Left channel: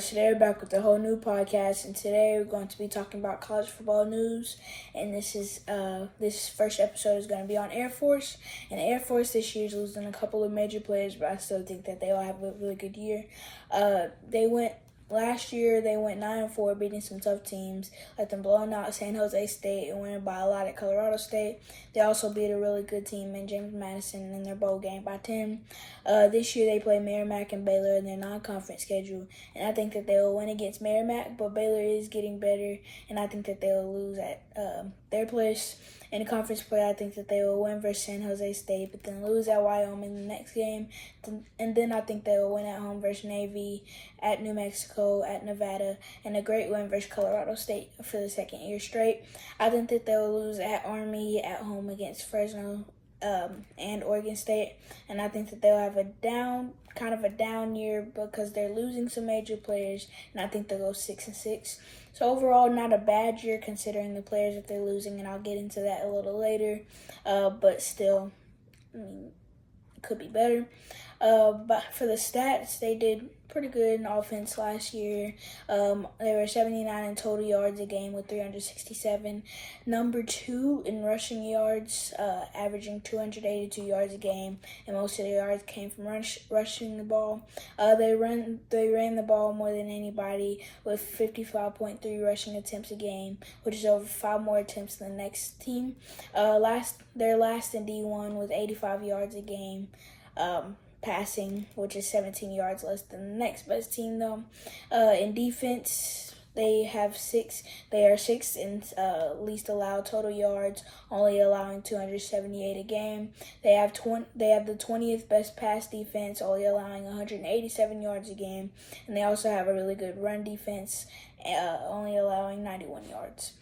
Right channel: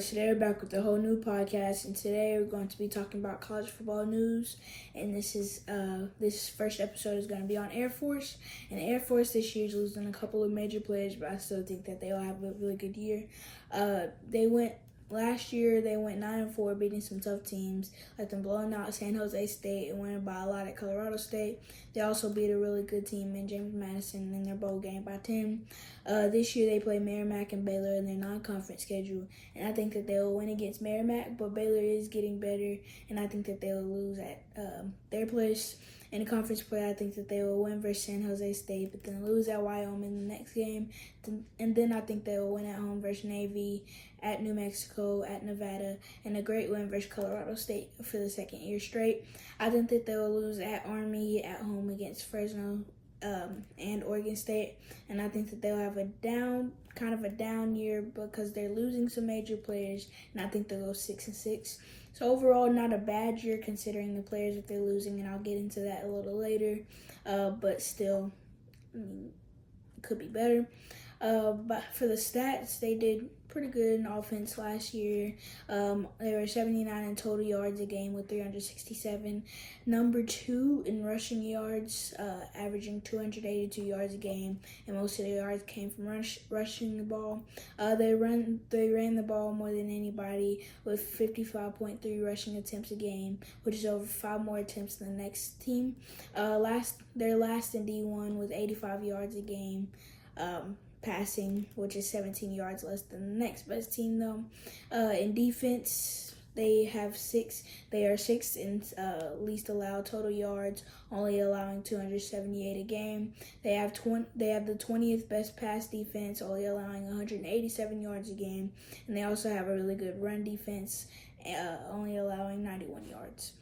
Today we're back with a whole new podcast, and today we're going to be talking about college football news. And this first episode is going to be on Air Force. And Air Force this year is losing a couple of major players, but I still think that they'll have a really good year. Last year they went 9-4, beating some tough teams, like them blowing out San Jose State and winning by a lot at Colorado State. They also beat a really good team in James Madison in their bowl game by 10. This year they play Merrimack and Baylor in their non-conference schedule, and I think that they will win against Merrimack, but Baylor is getting better, and I think that they will lose at their place. In the conference play, I think that they will win versus San Jose State, but then lose at Wyoming in the next game. And then I think they will win at home versus Navy, at New Mexico, at Nevada, and a great win versus Colorado State for the second year straight. I think that they will lose at Army, at home against Fresno, and Oregon State. And I think that they'll have a down year because they're losing some major players, and I think they'll go 6-6. So overall, not a bad year considering the players that they're losing, and I'll get into that a little later. But still, could be better. But for the stats, they did pretty good in offense last year. They were 79 in total yards a game with 367. Number 2 in rushing yards, averaging 282 yards a game, and most of the yards came from rushing the ball. They ran the ball more than anybody with 55.3 rushing attempts a game, which is over 5 more attempts than the next team. They're last in D1 with 85 yards a game. Passing, which is 17 yards less than the next best team, though. In defense, they are 6th in least allowed total yards, only allowing 278 a game. They have the 20th best pass defense, only allowing 187 yards a game, and they also have a really good run defense, only allowing 91 yards.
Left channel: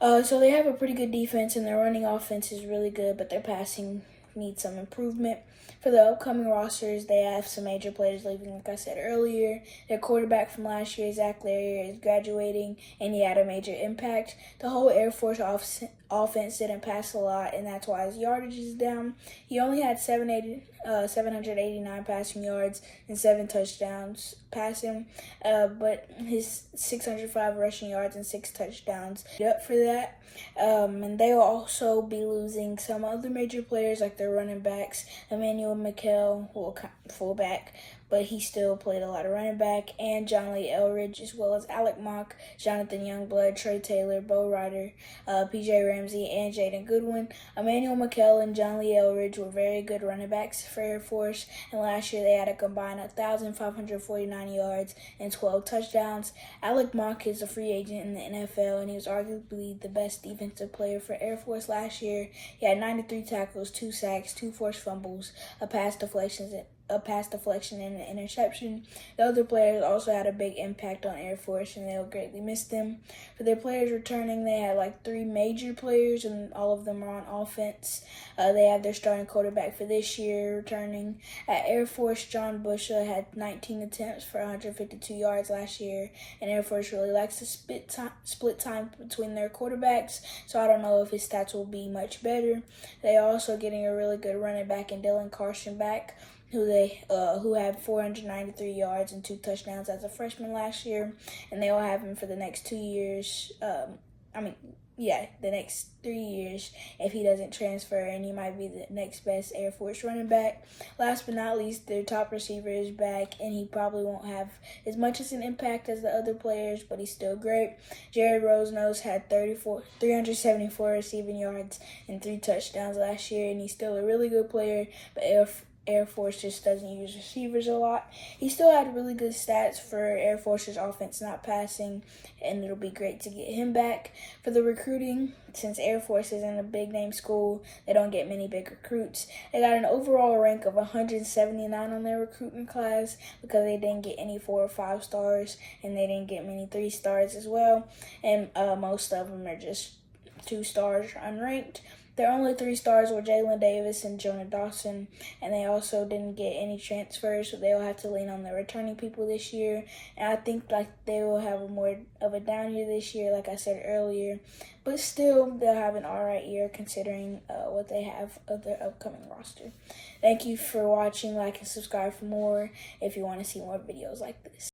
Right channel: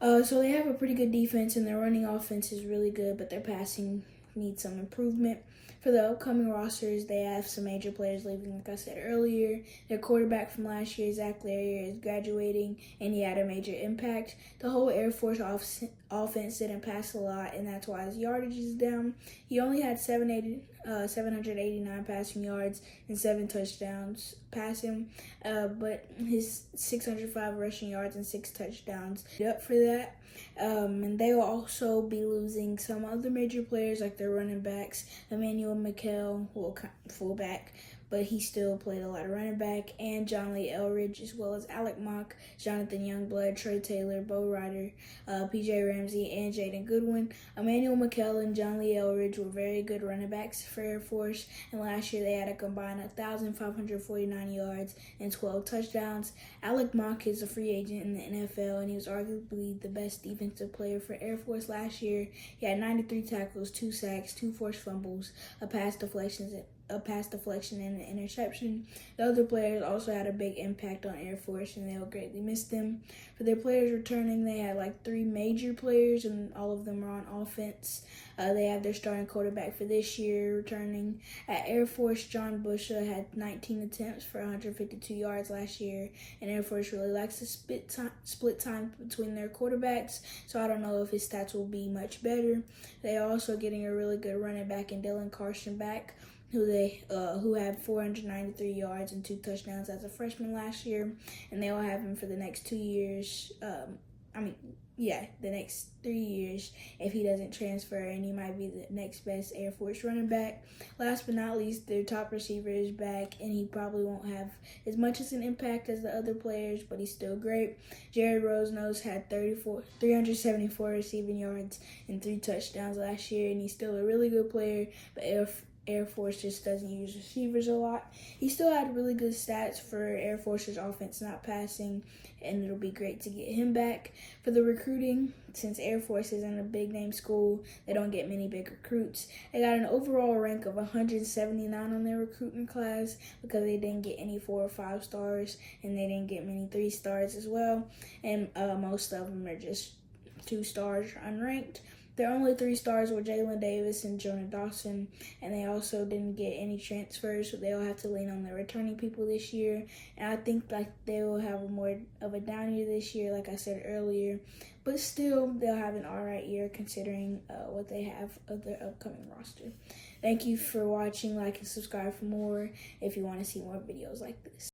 So they have a pretty good defense, and their running offense is really good, but their passing needs some improvement. For the upcoming rosters, they have some major players leaving, like I said earlier. Their quarterback from last year, Zach Larrier, is graduating, and he had a major impact. The whole Air Force offense didn't pass a lot, and that's why his yardage is down. He only had 789 passing yards and 7 touchdowns passing, but his 605 rushing yards and 6 touchdowns up for that. And they'll also be losing some other major players like their running backs, Emmanuel McKell, fullback, but he still played a lot of running back, and John Lee Elridge, as well as Alec Mock, Jonathan Youngblood, Trey Taylor, Bo Ryder, PJ Ramsey, and Jaden Goodwin. Emmanuel McKell and John Lee Elridge were very good running backs for Air Force, and last year they had a combined 1,549 yards and 12 touchdowns. Alec Mock is a free agent in the NFL, and he was arguably the best defensive player for Air Force last year. He had 93 tackles, 2 sacks, 2 forced fumbles, a pass deflection, and an interception. The other players also had a big impact on Air Force, and they'll greatly miss them. For their players returning, they had 3 major players, and all of them are on offense. They have their starting quarterback for this year returning. At Air Force, John Busha had 19 attempts for 152 yards last year, and Air Force really likes to split time between their quarterbacks, so I don't know if his stats will be much better. They are also getting a really good running back in Dylan Carson back, who had 493 yards and 2 touchdowns as a freshman last year, and they will have him for the next 2 years. The next 3 years if he doesn't transfer, and he might be the next best Air Force running back. Last but not least, their top receiver is back, and he probably won't have as much as an impact as the other players, but he's still great. Jared Rosenose had 374 receiving yards and 3 touchdowns last year, and he's still a really good player, but Air Force just doesn't use receivers a lot. He still had really good stats for Air Force's offense not passing, and it'll be great to get him back. For the recruiting, since Air Force isn't a big-name school, they don't get many big recruits. They got an overall rank of 179 on their recruiting class because they didn't get any 4 or 5 stars, and they didn't get many 3 stars as well, and most of them are just 2 stars unranked. Their only 3 stars were Jalen Davis and Jonah Dawson, and they also didn't get any transfers, so they'll have to lean on their returning people this year. And I think they will have more of a down year this year, like I said earlier, but still they'll have an alright year considering what they have of their upcoming roster. Thank you for watching. Like and subscribe for more if you want to see more videos like this.